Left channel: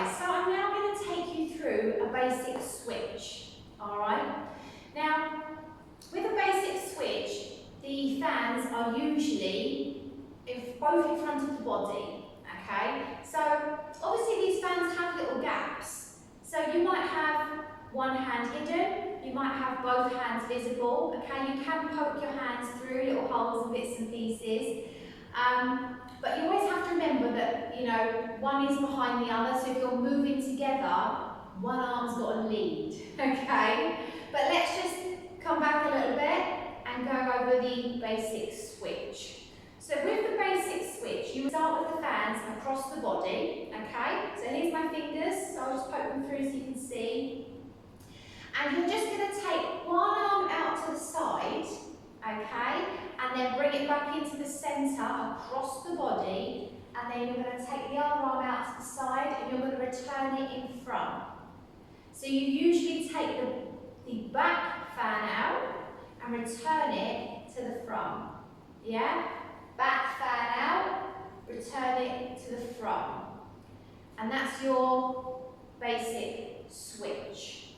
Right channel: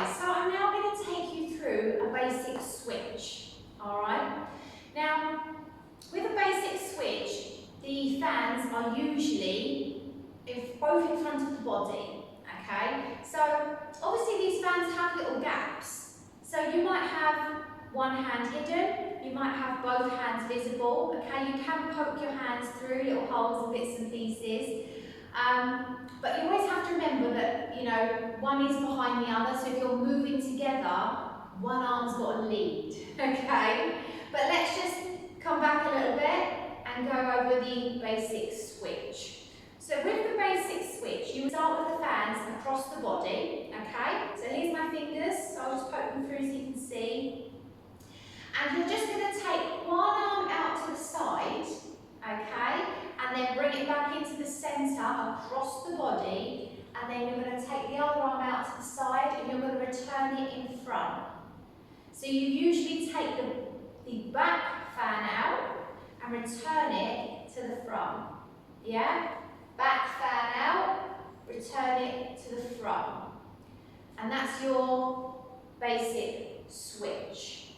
guys, so I'm now going to take you through a basic switch, alright? Now, with a basic switch, the fans are usually both in front of the body, okay? So, obviously these fans have little gaps. So you might have one hand hidden, you might have both hands visible, okay? You can poke your hands through little holes and bits and pieces. But you always have to remember that, you know, one is behind the other, so if you're moving together, one arm's got to lead, okay? But let's just come back a little bit and go over the basic switch. So with the basic switch, you would start with the fans across the body, okay? So here's my fingers, so I'll just poke them through so you can see. And you're just going to take one arm out to the side, okay? And then bring it back into the centre across the body, and then you're going to take the other arm out to the side and you're going to return it in front. So you usually take the back fan out and return it to the front. Yeah? Back fan out, return it to the front. And that's your basic switch.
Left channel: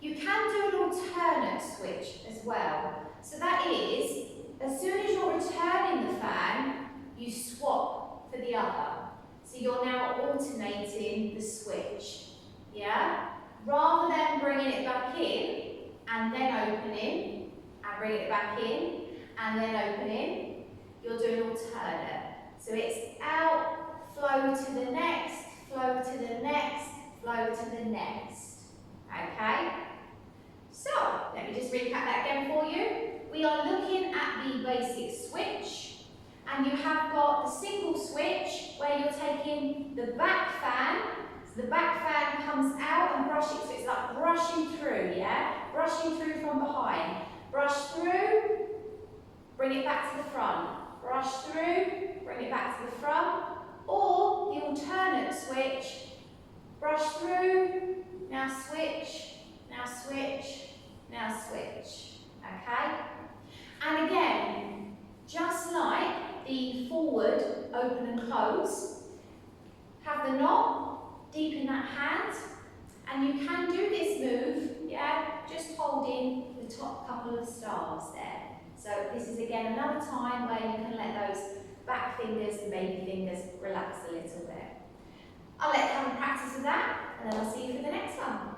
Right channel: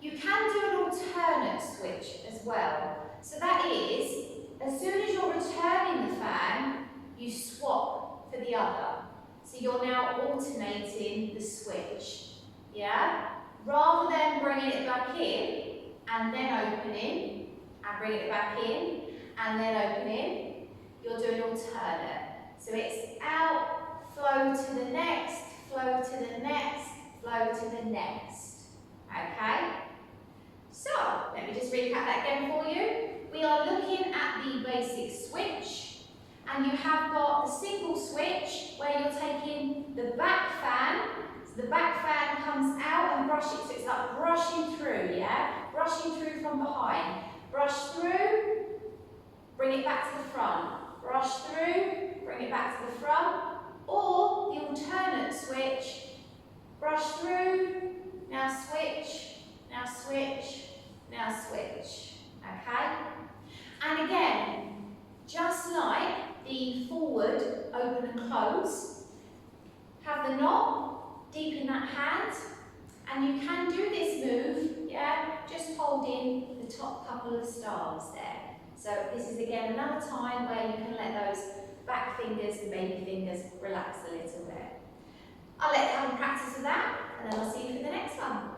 You can do an alternate switch as well. So that is, as soon as you're returning the fan, you swap for the other. So you're now alternating the switch. Yeah? Rather than bringing it back in and then opening and bringing it back in and then opening, you're doing alternate. So it's out, flow to the next, flow to the next, flow to the next. Okay? So, let me just recap that again for you. We are looking at the basic switch, and you have got the single switch where you're taking the back fan. So the back fan comes out and brushing, so it's like brushing through, yeah? Brushing through from behind. Brush through, bring it back to the front. Brush through, bring it back to the front. Or the alternate switch, brush through, now switch, now switch, now switch, okay? And again, just like the forward, open and close, have the knot deep in that hand, and you can do this move, yeah, just holding the top couple of stars there. So this is again another time where you can let those back fingers and baby fingers relax a little bit. I'll let you have a practice of that, and then I'll see you for the next one.